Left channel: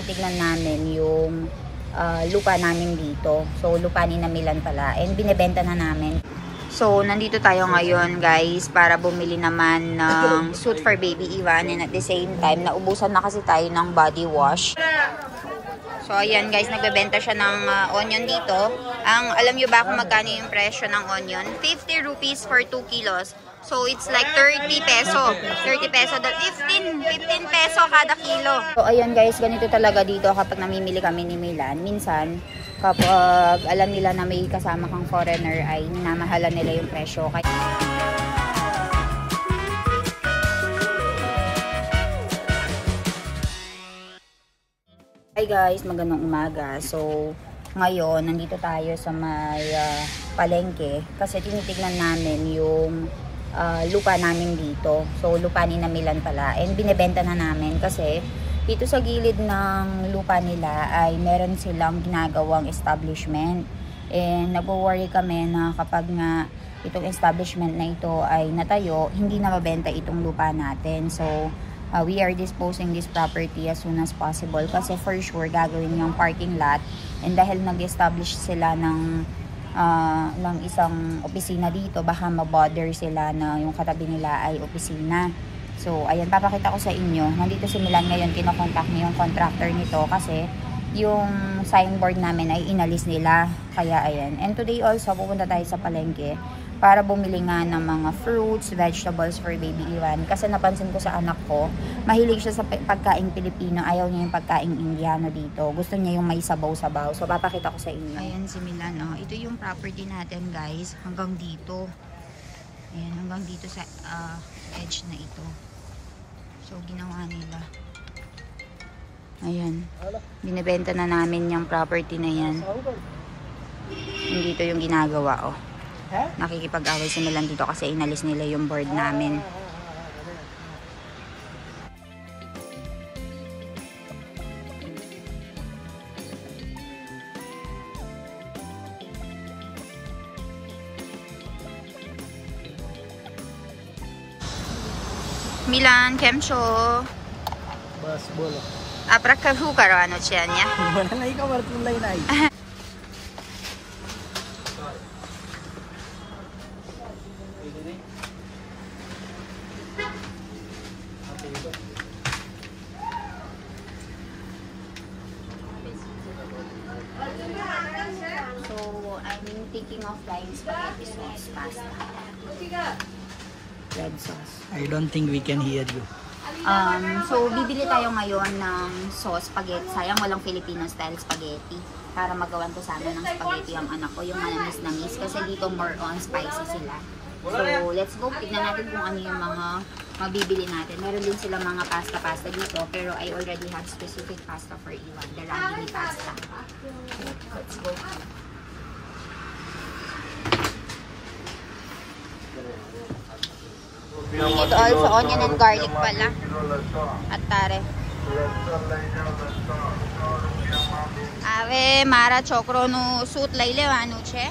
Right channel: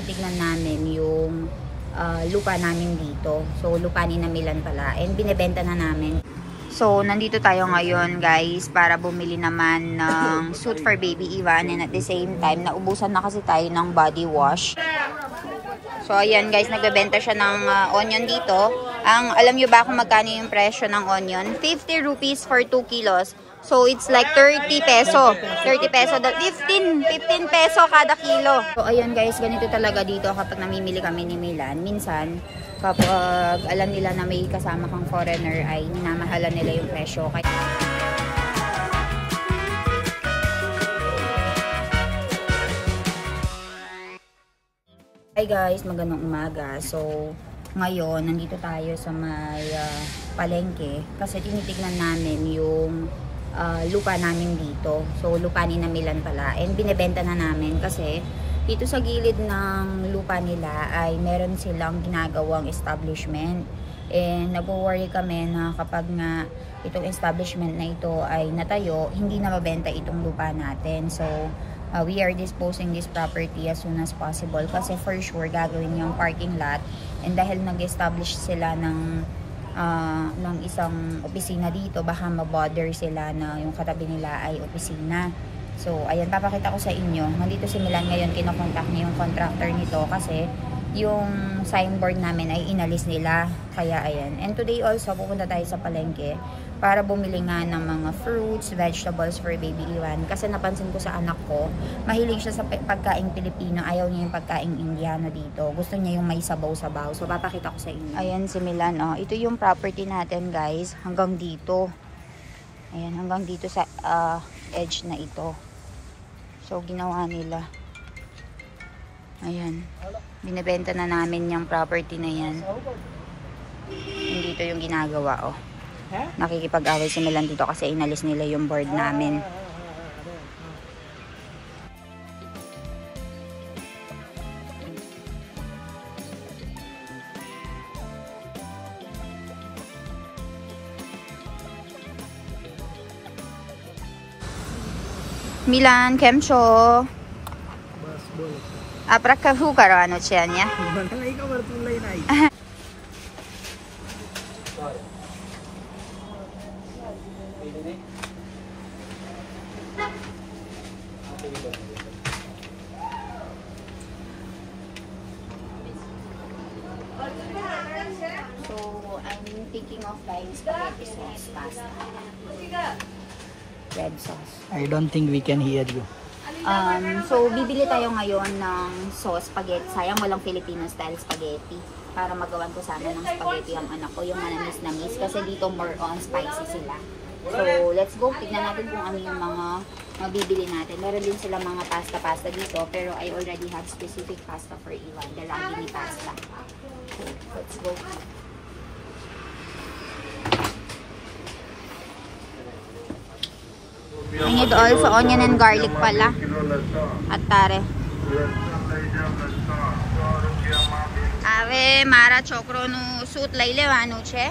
tinitignan namin yung lupa namin dito. So, lupa ni Milan pala. And binebenta na namin. So, nandito tayo ngayon guys para bumili naman ng suit for baby Ivan. And at the same time, naubusan na kasi tayo ng body wash. So, ayan guys, nagbebenta siya ng onion dito. Alam nyo ba kung magkano yung presyo ng onion? 50 rupees for 2 kilos. So, it's like 30 peso. 30 peso. 15 peso kada kilo. So, ayan guys, ganito talaga dito kapag namimili kami ni Milan. Minsan, kapag alam nila na may kasama kang foreigner, ay minamahalan nila yung presyo. Hi guys, magandang umaga. So, ngayon, nandito tayo sa may palengke kasi tinitignan namin yung lupa namin dito. So, lupa ni Milan pala. And binebenta na namin kasi dito sa gilid ng lupa nila ay meron silang ginagawang establishment. And nag-worry kami na kapag nga itong establishment na ito ay natayo, hindi na mabenta itong lupa natin. So, we are disposing this property as soon as possible kasi for sure gagawin yung parking lot. And dahil nag-establish sila ng isang opisina dito, baka mabother sila na yung katabi nila ay opisina. So, ayan, papakita ko sa inyo. Nandito si Milan ngayon, kinokontak niya yung contractor nito kasi yung signboard namin ay inalis nila. Kaya, ayan. And today also, pupunta tayo sa palengke para bumili nga ng mga fruits, vegetables for baby Ivan. Kasi napansin ko sa anak ko, mahilig siya sa pagkaing Pilipino. Ayaw niya yung pagkaing Indiano dito. Gusto niya yung may sabaw-sabaw. So, papakita ko sa inyo. Ayan si Milan. Oh. Ito yung property natin, guys. Hanggang dito. Ayan, hanggang dito sa edge na ito. So, ginawa nila. Ayan. Binibenta na namin yung property na yan. Dito yung ginagawa, oh. Nakikipag-away si Milan dito kasi inalis nila yung board namin. Milan, કેમ છો? બસ બોલો. આપરા શું કરવાનું છે અહીંયા? મને નહીં ખબર, તું લઈને આવી. So, I'm thinking of buying spaghetti sauce pasta. Red sauce. I don't think we can hear you. So, bibili tayo ngayon ng sauce spaghetti. Sayang walang Filipino style spaghetti. Para magawan ko sana ng spaghetti ang anak ko, yung manamis-namis. Kasi dito more on spicy sila. So, let's go. Tignan natin kung ano yung mga mabibili natin. Meron din sila mga pasta-pasta dito. Pero I already have specific pasta for Ivan. The ragini pasta. Okay, let's go. Need oil sa onion and garlic pala. At tare. Ave મારા છોકરોનું સૂટ લઈ લેવાનું છે.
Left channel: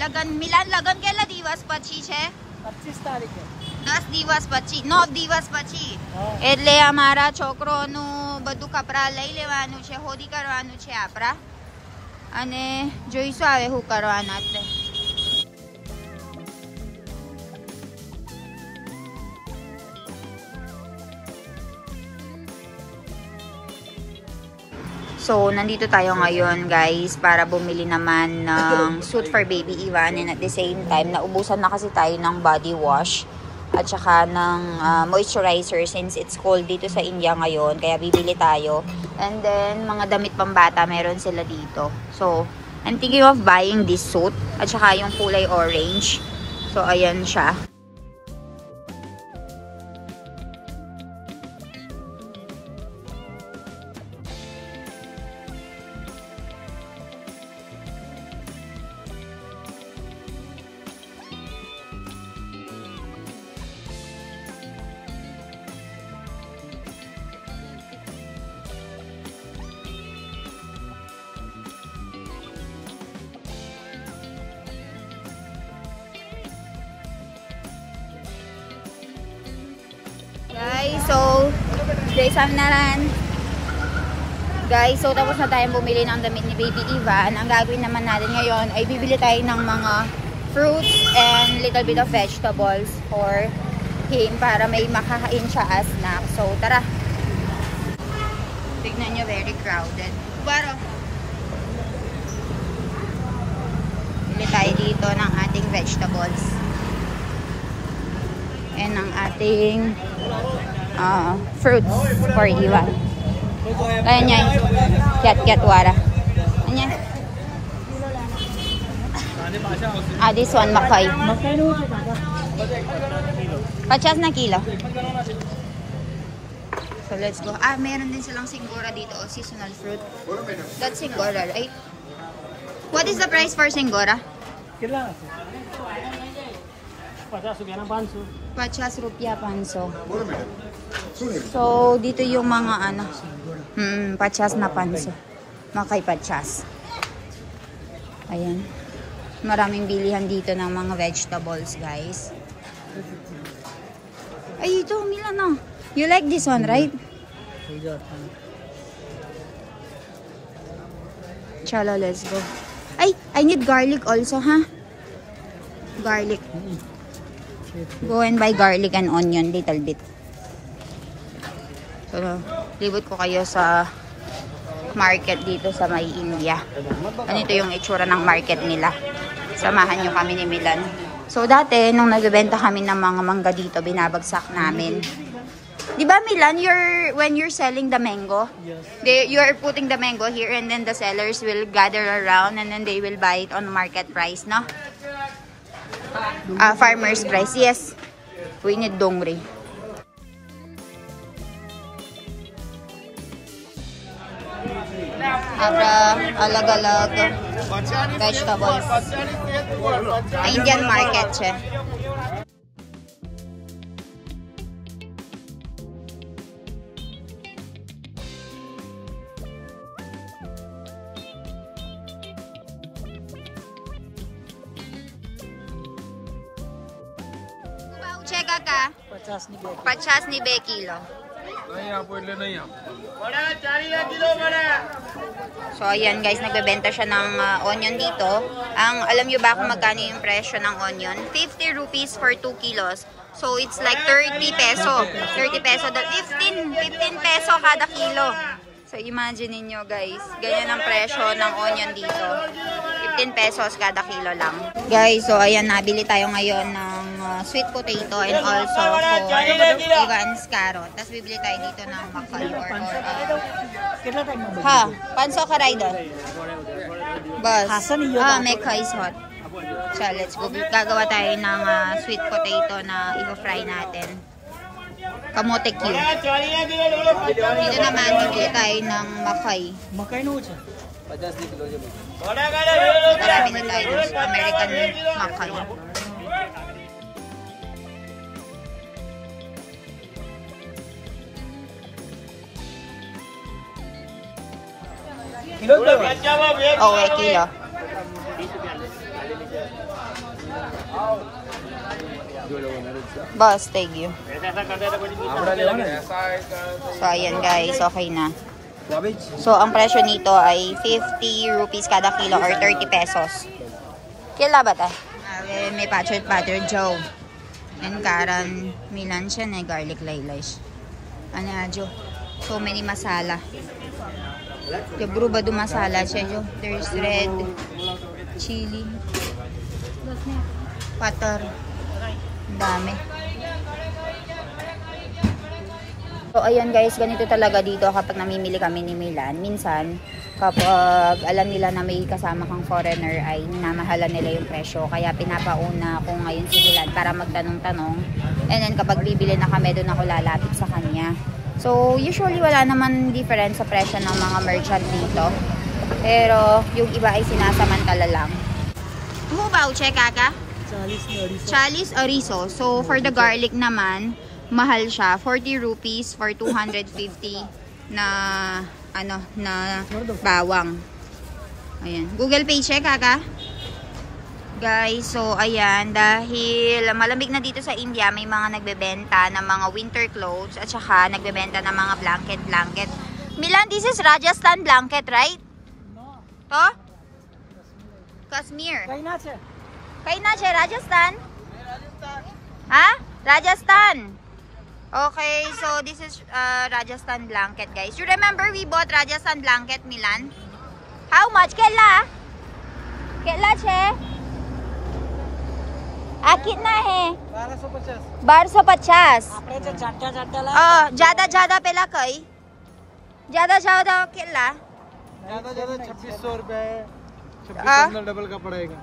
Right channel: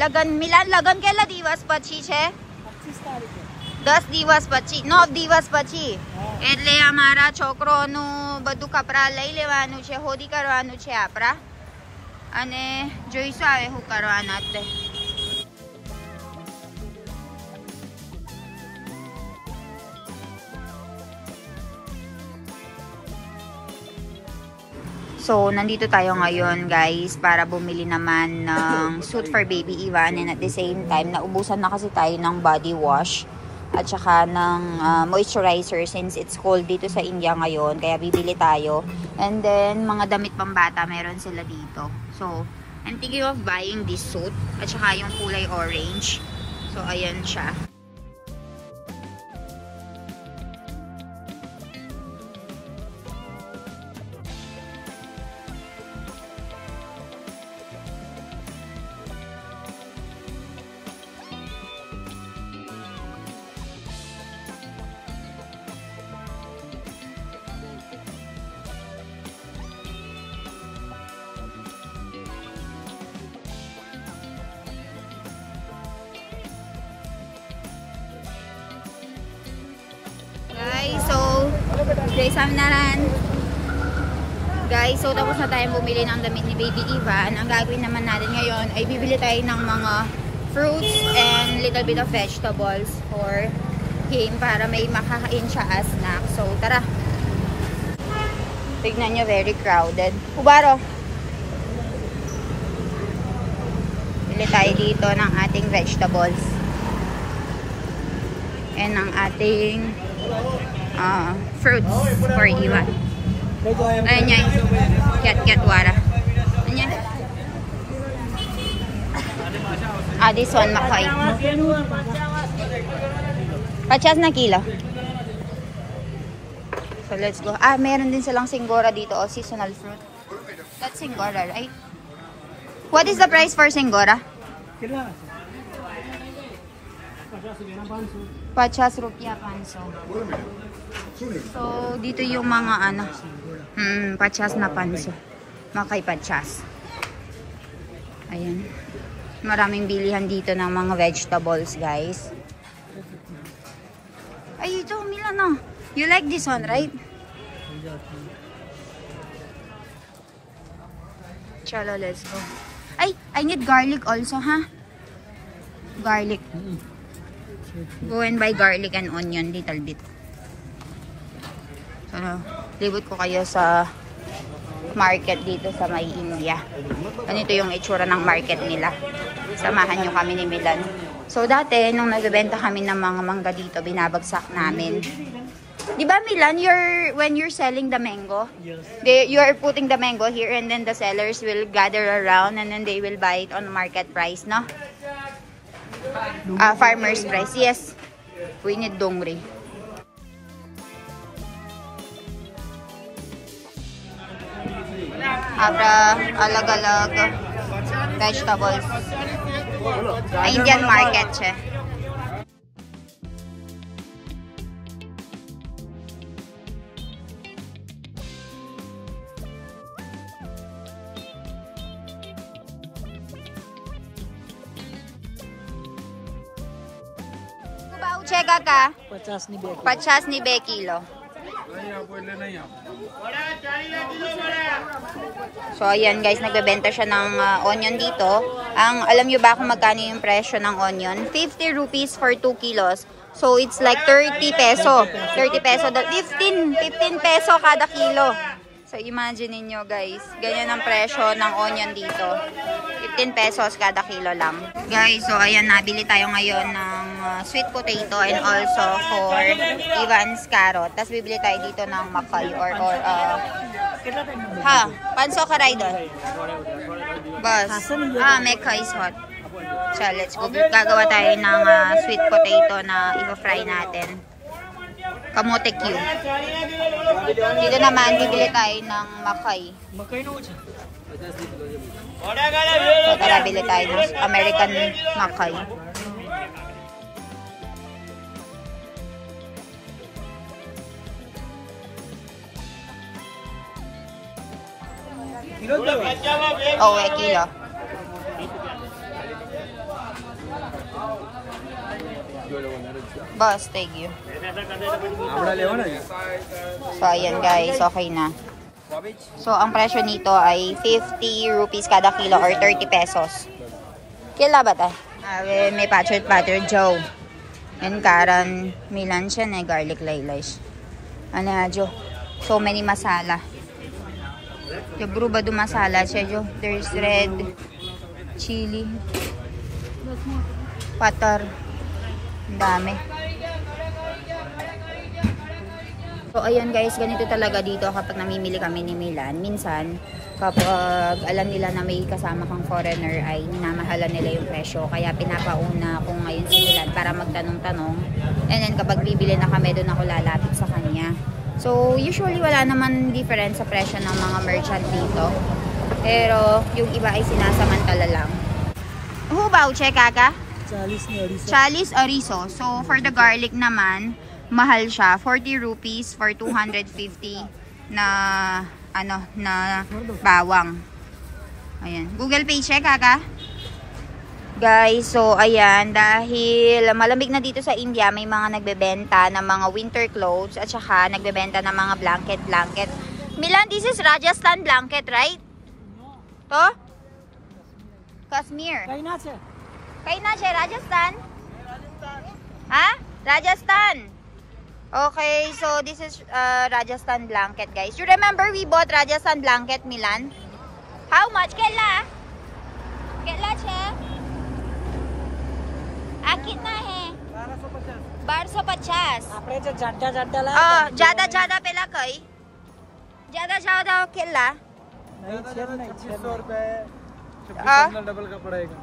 લગન મિલાન લગન કેટલા દિવસ પછી છે? 25 તારીખે. 10 દિવસ પછી, 9 દિવસ પછી. એટલે અમારા છોકરોનું બધું કપડા લઈ લેવાનું છે, હોદી કરવાનું છે આપણા. અને જોઈશું આવે શું કરવાના આપણે. So, nandito tayo ngayon guys para bumili naman ng suit for baby Ivan. And at the same time, naubusan na kasi tayo ng body wash at saka ng moisturizer since it's cold dito sa India ngayon. Kaya bibili tayo. And then, mga damit pambata meron sila dito. So, I'm thinking of buying this suit at saka yung kulay orange. So, ayan siya. Guys, so guys, samnaran. Guys, so tapos na tayong bumili ng damit ni Baby Ivan. Ang gagawin naman natin ngayon ay bibili tayo ng mga fruits and little bit of vegetables for him para may makakain siya as snack. So tara. Tignan nyo, very crowded. Kubaro. Bili tayo dito ng ating vegetables. And ng ating fruits for Ivan. Ayan yan. Cat wara. Ayan. This one, makay. Pachas na kilo. So, let's go. Meron din silang singgora dito. Seasonal fruit. That's singgora, right? What is the price for singgora? 50 rupiah panso. So, dito yung mga ano. 50 na panso. Makay 50. Ayan. Maraming bilihan dito ng mga vegetables, guys. Ay, ito, Milana. You like this one, right? Chala, let's go. Ay, I need garlic also, ha? Garlic. Go and buy garlic and onion, little bit. Pero, libot ko kayo sa market dito sa may India. Ganito yung itsura ng market nila. Samahan nyo kami ni Milan. So, dati, nung nagbebenta kami ng mga mangga dito, binabagsak namin. Di ba, Milan, when you're selling the mango, Yes. you're putting the mango here and then the sellers will gather around and then they will buy it on market price, no? Farmer's price, yes. We need dongri. Abra, alag-alag vegetables. Indian market siya. Kubao, cheka ka. 50 ni be kilo. So, ayan guys, nagbebenta siya ng onion dito. Alam nyo ba kung magkano yung presyo ng onion? 50 rupees for 2 kilos. So, it's like 30 peso. 30 peso. 15 peso kada kilo. So, imagine niyo guys, ganyan ang presyo ng onion dito. 15 pesos kada kilo lang. Guys, so ayan, nabili tayo ngayon ng sweet potato and also for Ivan's carrot. Tapos bibili tayo dito ng makay or panso ka rider. Bas. Mekay is hot. So, let's go. Gagawa tayo ng sweet potato na i-fry natin. Kamote cube. Dito naman, bibili tayo ng makay. So, tara, bili tayo ng American makay. Oh, kilo. Boss, thank you. So, ayan guys, okay na. So, ang presyo nito ay 50 rupees kada kilo or 30 pesos. Kila ba tayo? May patchet butter, Joe. And Karan, Milan siya na garlic laylay. Ano nga, Joe? So many masala. Kabro ba do masala siya, Joe? There's red, chili, butter. Ang dami. So, ayan guys, ganito talaga dito kapag namimili kami ni Milan. Minsan, kapag alam nila na may kasama kang foreigner, ay minamahalan nila yung presyo. Kaya pinapauna ko ngayon si Milan para magtanong-tanong. And then, kapag bibili na kami, doon ako lalapit sa kanya. So, usually wala naman difference sa presyo ng mga merchant dito. Pero, yung iba ay sinasamantala lang. Hubaw, check kaka? Chalis orizo. So, for the garlic naman, mahal siya. 40 rupees for 250 na bawang. Ayan. Google Pay check, kaka? Guys, so ayan, dahil malamig na dito sa India, may mga nagbebenta ng mga winter clothes at saka nagbebenta ng mga blanket. Milan, this is Rajasthan blanket, right? No. To? Kashmir. કઈ ના છે? Kaya na siya, Rajasthan? Ha? Rajasthan. Okay, so this is Rajasthan blanket, guys. You remember we bought Rajasthan blanket, Milan? How much? Kela? Kela siya? Akit na hai. 1250. 1250. આપણે જે જાડા જાડા ज्यादा पेला कई? ज्यादा केला? ज्यादा 2600 रुपए है। डबल का पड़ेगा।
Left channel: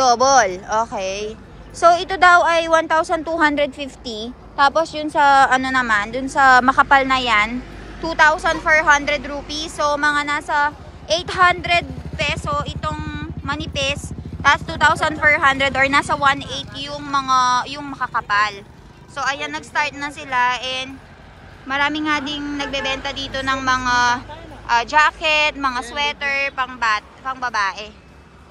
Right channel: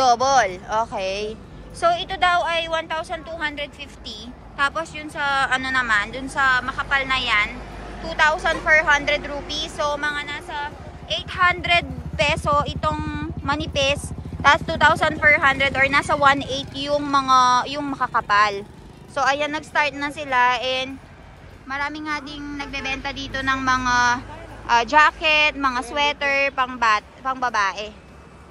Double. Okay. So, ito daw ay 1,250. Tapos yun sa, ano naman, dun sa makapal na yan, 2,400 rupees. So, mga nasa 800 peso itong manipis. Tapos 2,400 or nasa 1,800 yung makakapal. So, ayan, nag-start na sila and marami nga ding nagbebenta dito ng mga jacket, mga sweater, pang babae.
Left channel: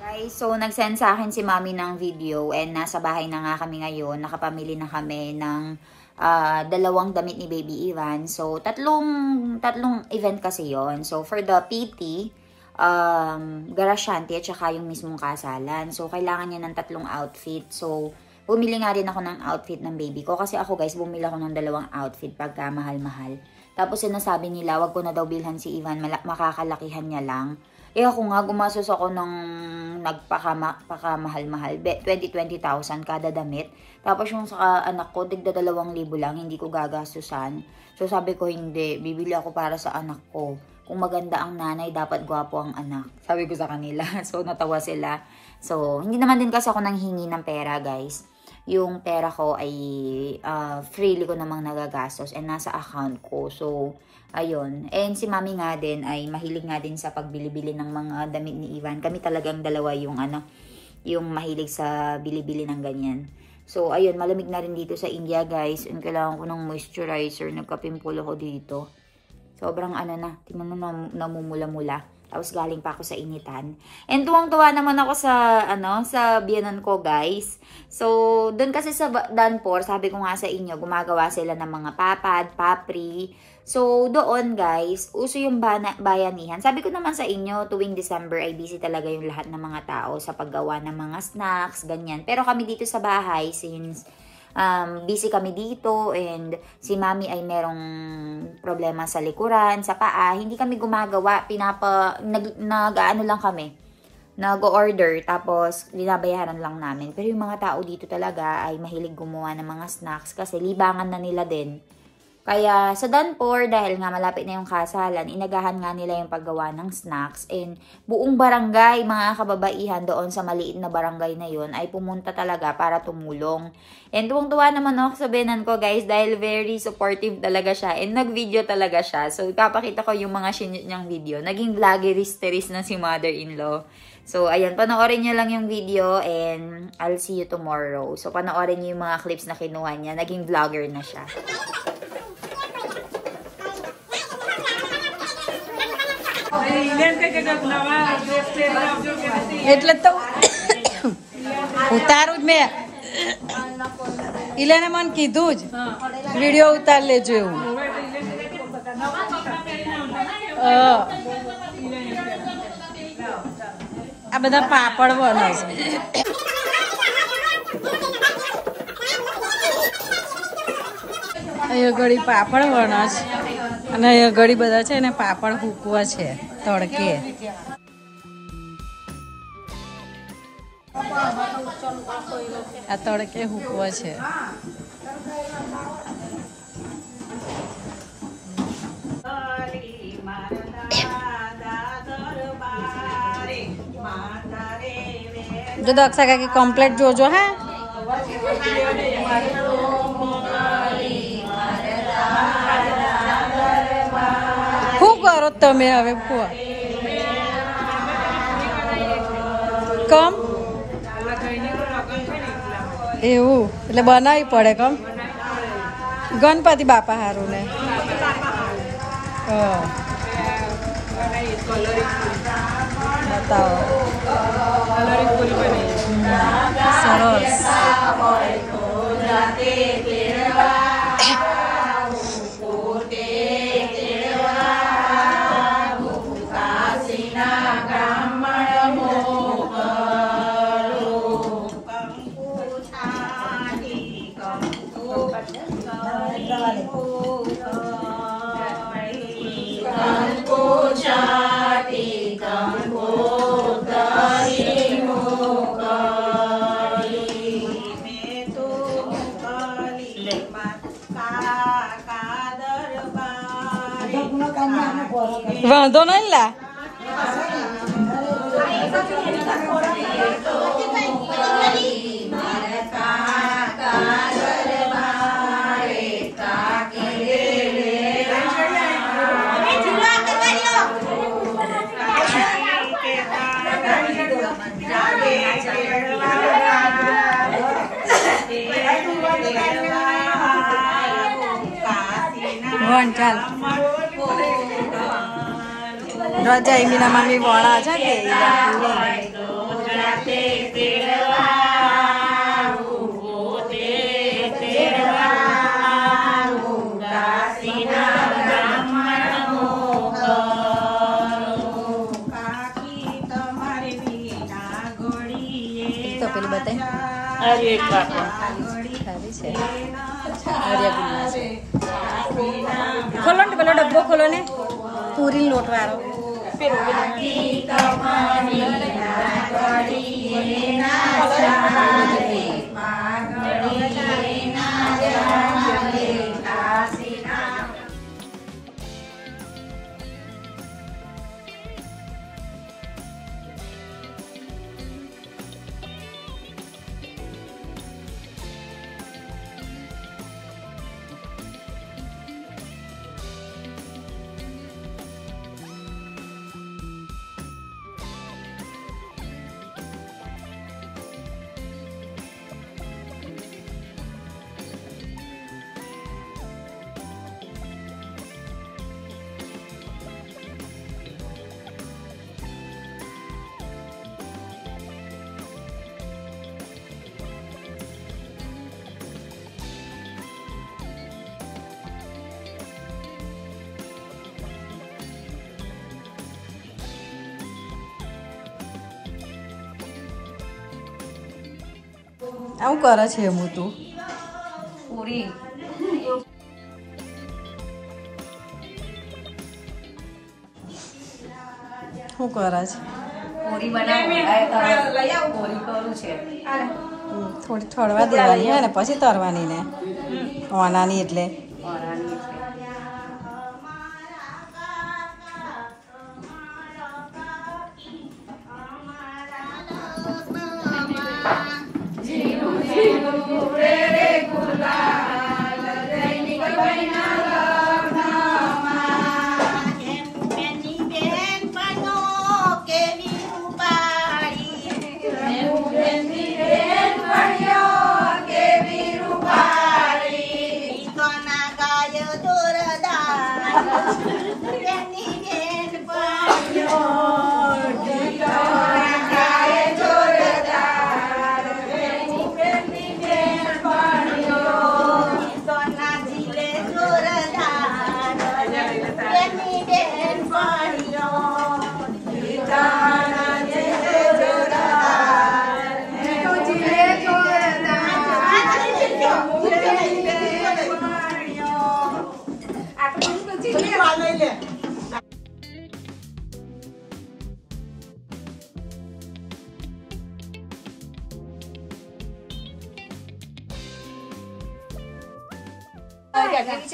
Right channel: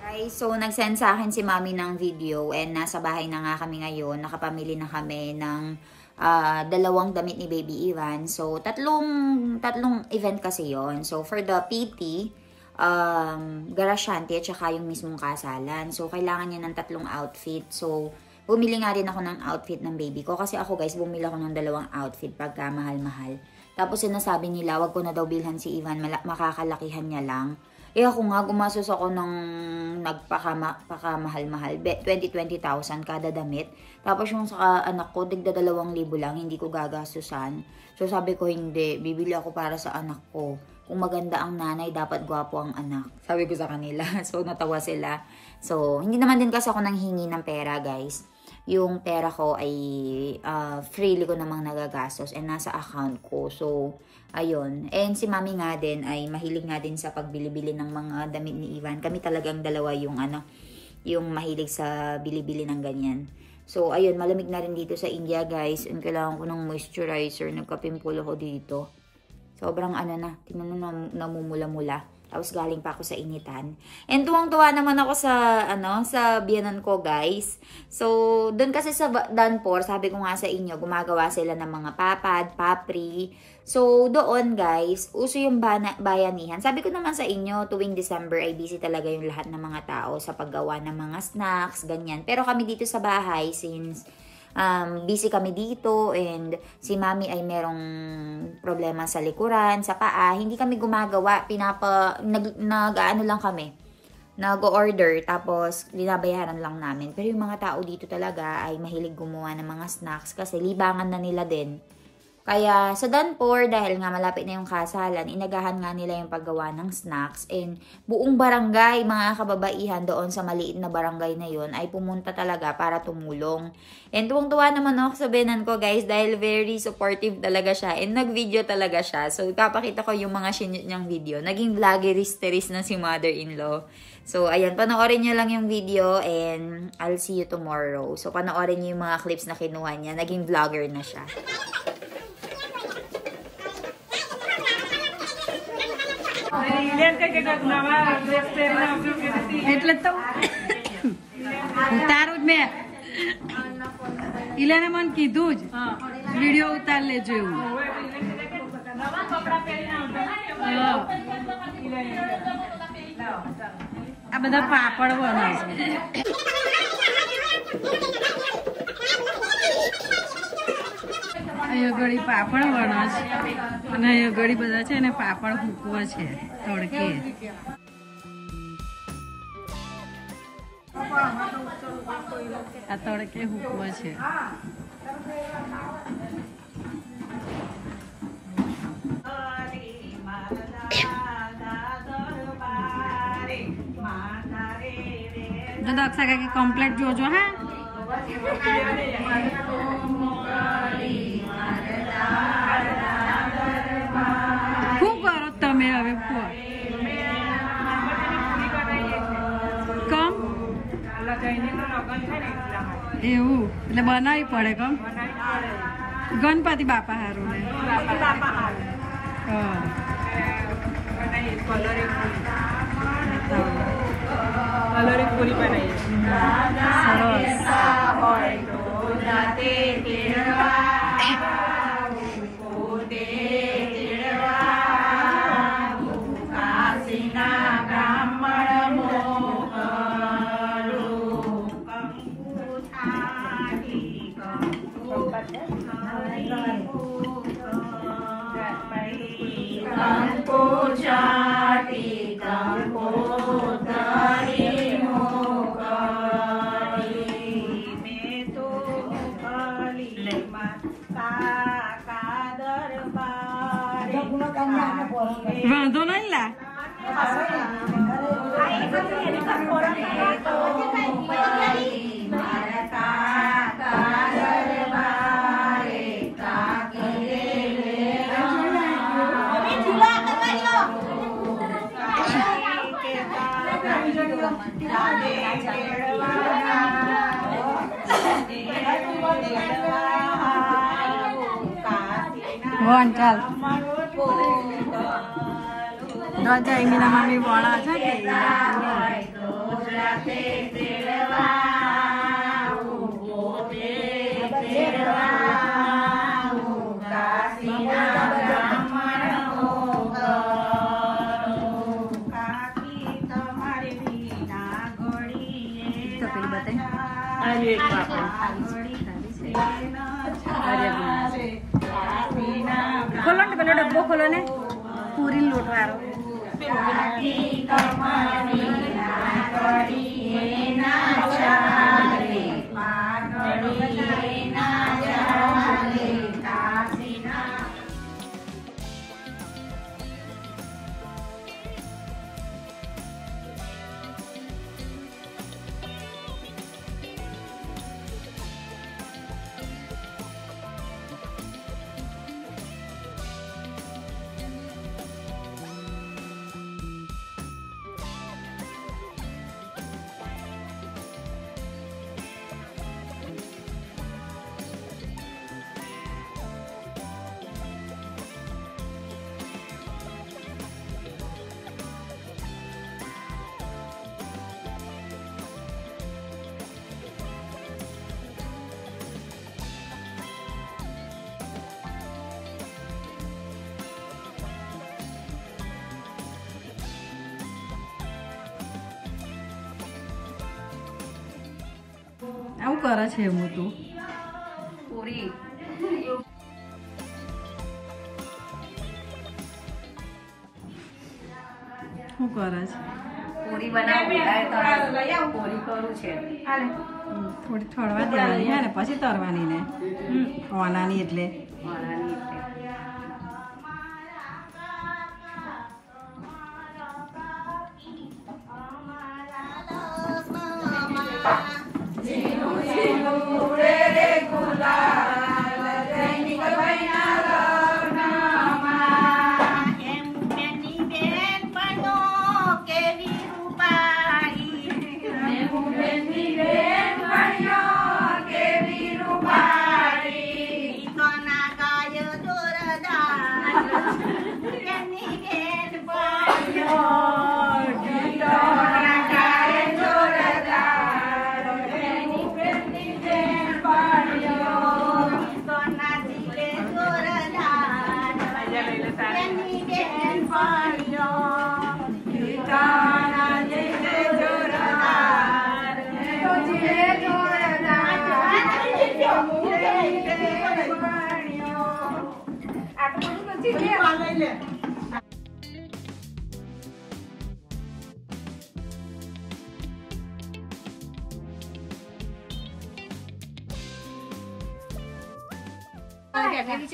Guys, so nag-send sa akin si Mami ng video and nasa bahay na nga kami ngayon. Nakapamili na kami ng 2 damit ni Baby Ivan. So, tatlong event kasi yon. So, for the PT, Garasyante at saka yung mismong kasalan. So, kailangan niya ng 3 outfit. So, bumili nga rin ako ng outfit ng baby ko. Kasi ako guys, bumili ako ng 2 outfit pagka mahal-mahal. Tapos sinasabi nila, wag ko na daw bilhan si Ivan, makakalakihan niya lang. Eh ako nga, gumasos ako ng nagpakamahal-mahal. 20,000 kada damit. Tapos yung sa anak ko, tigda 2,000 lang, hindi ko gagastusan. So sabi ko, hindi, bibili ako para sa anak ko. Kung maganda ang nanay, dapat gwapo ang anak. Sabi ko sa kanila. So natawa sila. So, hindi naman din kasi ako nanghingi ng pera, guys. Yung pera ko ay freely ko namang nagagastos and nasa account ko. So, ayun. And si Mami nga din ay mahilig nga din sa pagbili-bili ng mga damit ni Ivan. Kami talagang dalawa yung yung mahilig sa bili-bili ng ganyan. So, ayun, malamig na rin dito sa India, guys. And kailangan ko ng moisturizer. Nagkapimpulo ko dito. Sobrang tingnan mo, namumula-mula. Tapos galing pa ako sa initan. And tuwang-tuwa naman ako sa sa biyanan ko, guys. So, doon kasi sa Danpor, sabi ko nga sa inyo, gumagawa sila ng mga papad, papri. So, doon, guys, uso yung bayanihan. Sabi ko naman sa inyo, tuwing December ay busy talaga yung lahat ng mga tao sa paggawa ng mga snacks, ganyan. Pero kami dito sa bahay, since busy kami dito and si Mami ay merong problema sa likuran, sa paa, hindi kami gumagawa, nag-ano lang kami, nag-order, tapos binabayaran lang namin. Pero yung mga tao dito talaga ay mahilig gumawa ng mga snacks kasi libangan na nila din. Kaya sa Danpor, dahil nga malapit na yung kasalan, inagahan nga nila yung paggawa ng snacks. And buong barangay, mga kababaihan doon sa maliit na barangay na yon ay pumunta talaga para tumulong. And tuwang-tuwa naman ako sa biyanan ko, guys, dahil very supportive talaga siya. And nag-video talaga siya. So, papakita ko yung mga sinute niyang video. Naging vloggeris-teris na si mother-in-law. So, ayan, panoorin nyo lang yung video and I'll see you tomorrow. So, panoorin nyo yung mga clips na kinuha niya. Naging vlogger na siya. એટલે તો ઉતારું જ મેં ઇલાને મને કીધું જ વિડીયો ઉતાર લેજો એવું આ બધા પાપડ બનાવશે અહીંયા ઘડી પાપડ બનાવશે અને અહીંયા ઘડી બધા છે ને પાપડ હૂકવા છે તડકે આ તડકે હૂકવા છે જો દક્ષા કાકી કમ્પ્લેટ જોજો હા શું કરો તમે હવે ફુવા કમ એવું એટલે બનાવવી પડે કમ ગણપતિ બાપા હારું ને બતાવો સરસ વાંધો નહીં લા. વણ ચાલ રજા મીના મામી વણા છે કે તો પેલી બતાય ખોલો ને પેલો ડબ્બો ખોલો ને પૂરી લોટ વાળો આવું કરે છે હું તું પૂરી શું કરે છે પૂરી થોડી ઠળવા દેવાની હે ને પછી તરવાની ને ઓનાની એટલે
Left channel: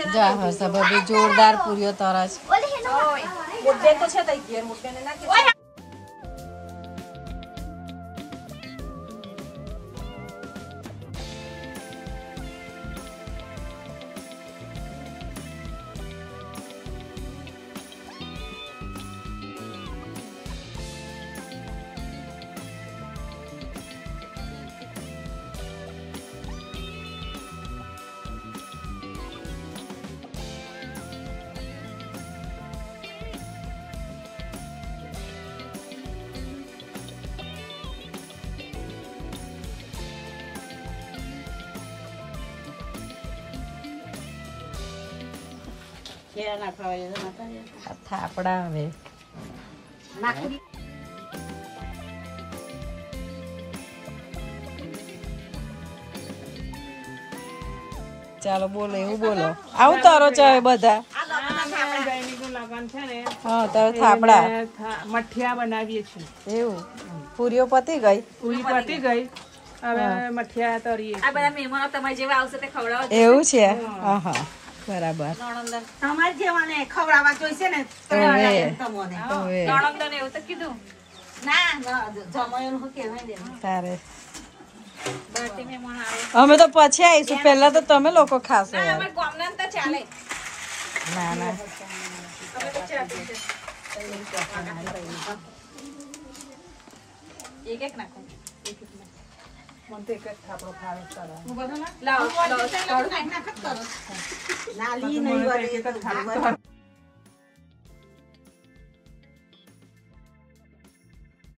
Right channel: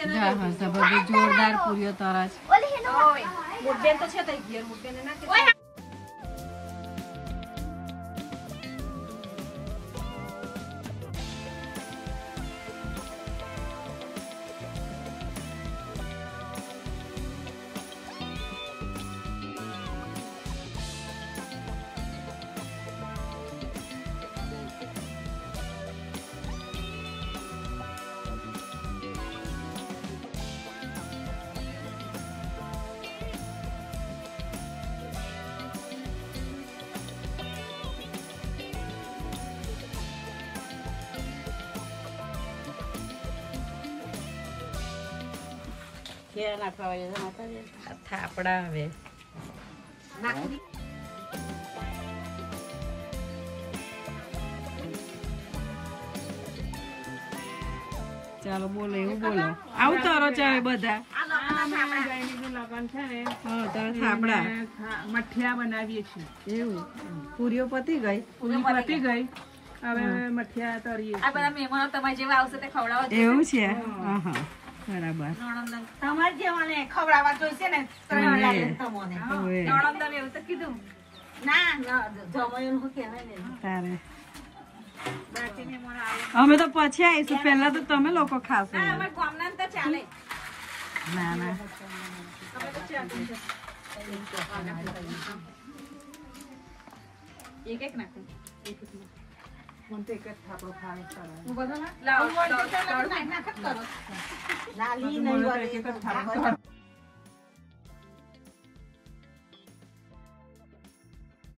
જા હર્ષા બબે જોરદાર પૂરીઓ તરસ થાપડા હવે ચાલો બોલો એવું બોલો આવું તારો ચાવે બધા હા તારો થાપડા મઠિયા બનાવીએ છીએ એવું પૂરીઓ પતી ગઈ પૂરી પતી ગઈ હવે મઠિયા તરીએ એવું છે હા હા બરાબર તમારે જેવાને ખવડાવવા જોઈશે ને હવે હવે એવું તો કીધું ના જમાઈનું હું કહેવાય ને તારે અમે તો પછી આવીશું પહેલા તો તમે લોકો ખાશો યાર ગામના તો ચાલે ના ના એક એક નાખો નાલી નહીં